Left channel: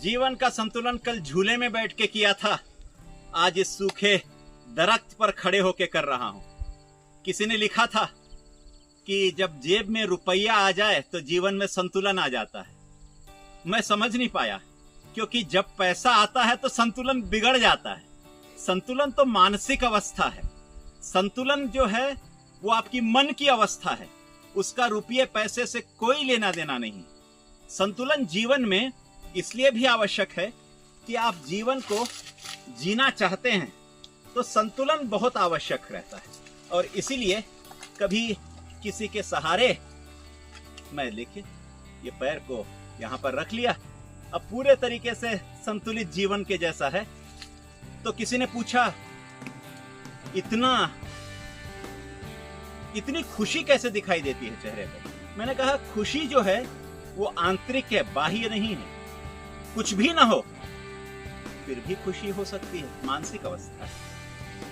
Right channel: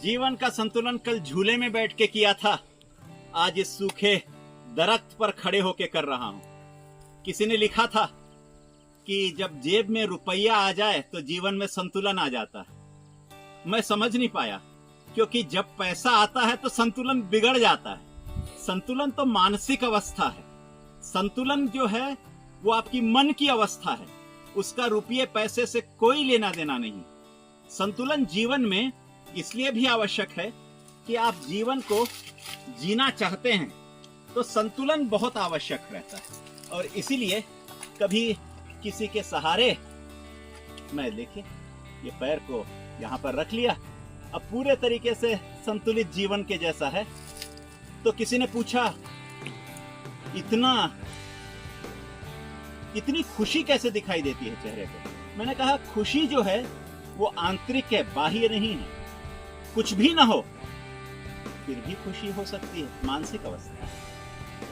जीवन का संतुलन कल झूले में बैठ के किया था, आज इस सूखे दरख्त पर खड़े होके कर रहा हूं। किसी ने लिखा था कि जब जेब में रुपया आ जाए तो जीवन में संतुलन आ जाता है। मैं समझ नहीं पाया, क्योंकि जब पैसा आता है तो संतुलन बिगड़ जाता है। संतुलन तो मानसिक अवस्था है। संतुलन जो है वो आपकी मन की अवस्था है, उसका रुपये पैसे से कोई लेना देना नहीं। संतुलन जीवन में इसलिए भी आवश्यक है कि आप जीवन को जीना चाहते हैं तो संतुलन बहुत आवश्यक रहता है। और इसीलिए कभी किसी के सहारे मैं देखिए ये पैर को यहां पर रख लिया, अब पूरे तरीके से संतुलित जीवन के जैसा है। तो किसी ने पूछा इतनी खुशी कैसे दिखाई देती है चेहरे पे। मैंने कहा खुशी जो है वो आंतरिक है, बाह्य नहीं है। कुछ भी ना हो फिर भी खुशी हो सकती है, मानसिक अवस्था।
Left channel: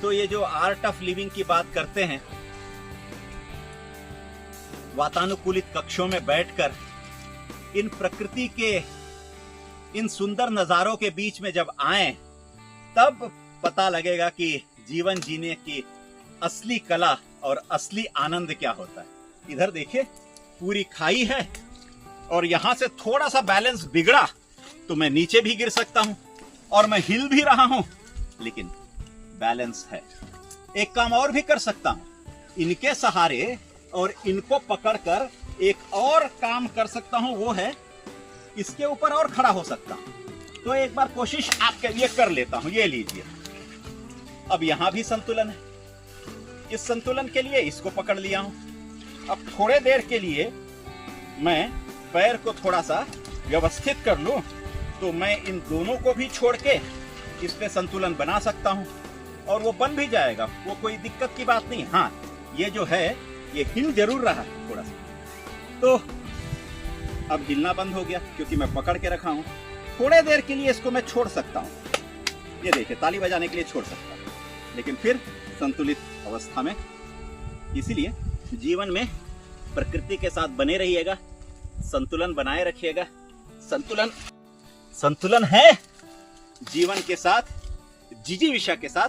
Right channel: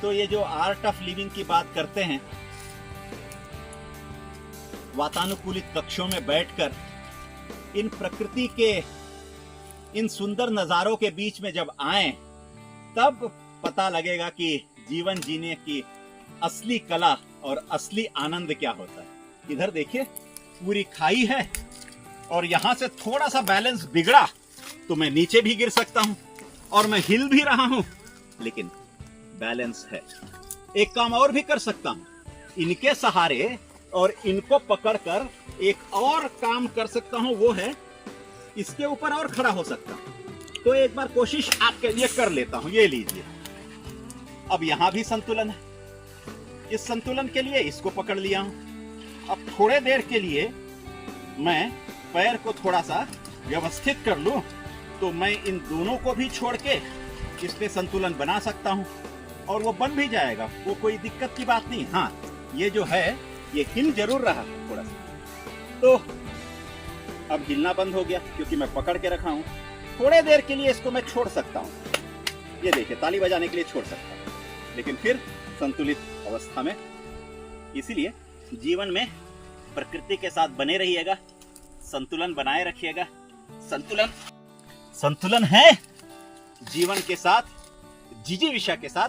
तो ये जो आर्ट ऑफ लिविंग की बात करते हैं, वातानुकूलित कक्षों में बैठकर इन प्रकृति के इन सुंदर नजारों के बीच में जब आए तब पता लगेगा कि जीवन जीने की असली कला और असली आनंद क्या होता है। इधर देखिए पूरी खाई है और यहां से थोड़ा सा बैलेंस बिगड़ा तो मैं नीचे भी गिर सकता हूं और मैं हिल भी रहा हूं, लेकिन बैलेंस है। एक काम और भी कर सकता हूं, इनके सहारे और इनको पकड़कर एक और काम कर सकता हूं, वो है इसके ऊपर और खड़ा हो सकता हूं। तो एक बार कोशिश आपके लिए कर लेता हूं। ये लीजिए, अब यहां भी संतुलन है। इस संतुलन के लिए इसको पकड़ लिया हूं। अब थोड़े देर के लिए मैं पैर को थोड़ा सा व्यवस्थित कर लूं तो मैं इन दोनों को भी छोड़ के इसमें संतुलन बना सकता हूं और वो बन भी जाएगा, वो कोई दिक्कत की बात नहीं। हाँ, ये जो है ये हिल जरूर रहा है थोड़ा सा, तो अब हिलना बंद हो गया क्योंकि मैं पकड़ के रखा हूं। थोड़े देर के लिए इसको मैं छोड़ सकता हूं, ये देखिए ताली बजाने के लिए छोड़ सकता हूं, लेकिन फिर संतुलित अवस्था में। इसीलिए जीवन में प्रकृति के साथ बने रहिएगा, संतुलन बनाए रखिएगा। संतुलन है जीवन के साथ, जिजीविषा के साथ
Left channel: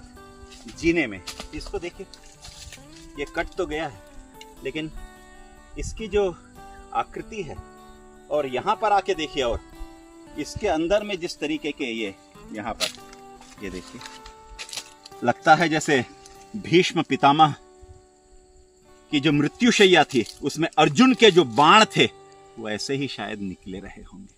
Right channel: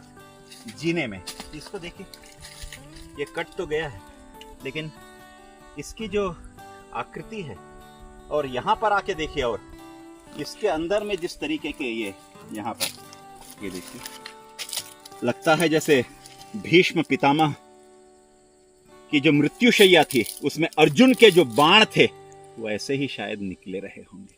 जीने में। इसको देखिए, ये कट तो गया है लेकिन इसकी जो आकृति है, और यहां पर आके देखिए, और इसके अंदर में जिस तरीके के ये यहां पर ये देखिए, लगता है जैसे भीष्म पितामह की जो मृत्युशैया थी उसमें अर्जुन के जो बाण थे वो ऐसे ही शायद निकले रहे होंगे।